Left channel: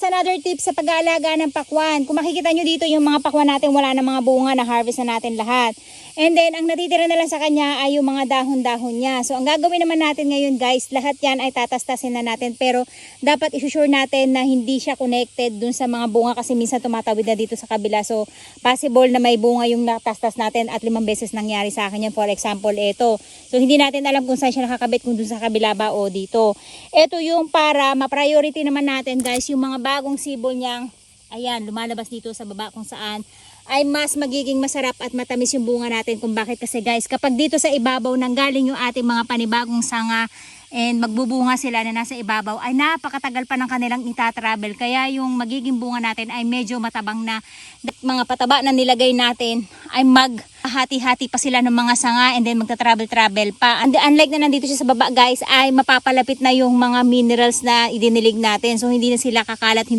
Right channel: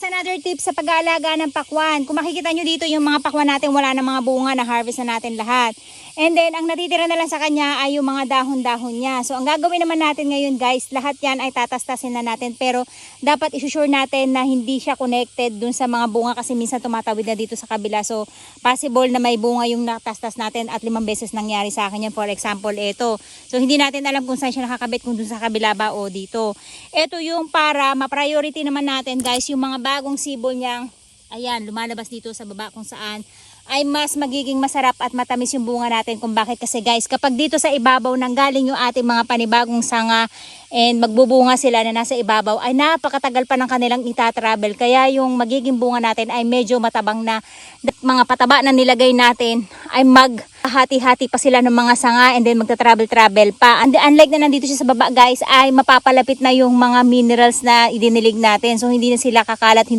Another tip sa pag-aalaga ng pakwan. Kung makikita nyo dito yung mga pakwan natin, wala na mga bunga, na harvest na natin lahat. And then, ang natitira na lang sa kanya ay yung mga dahon-dahon niya. So, ang gagawin naman natin ngayon guys, lahat yan ay tatastasin na natin. Pero, dapat isusure natin na hindi siya connected dun sa mga bunga kasi minsan tumatawid na dito sa kabila. So, possible na may bunga yung natastas natin at 5 beses nangyari sa akin yan. For example, ito. So, hindi natin alam kung saan siya nakakabit, kung dun sa kabila ba o dito. Ito yung para ma-priority naman natin guys, yung mga bagong sibol niyang, ayan, lumalabas dito sa baba kung saan ay mas magiging masarap at matamis yung bunga natin. Kung bakit kasi guys, kapag dito sa ibabaw nanggaling yung ating mga panibagong sanga and magbubunga sila na nasa ibabaw, ay napakatagal pa ng kanilang itatravel. Kaya yung magiging bunga natin ay medyo matabang na. Mga pataba na nilagay natin ay maghati-hati pa sila ng mga sanga and then magta-travel pa. And unlike na nandito siya sa baba guys, ay mapapalapit na yung mga minerals na idinilig natin. So hindi na sila kakalat.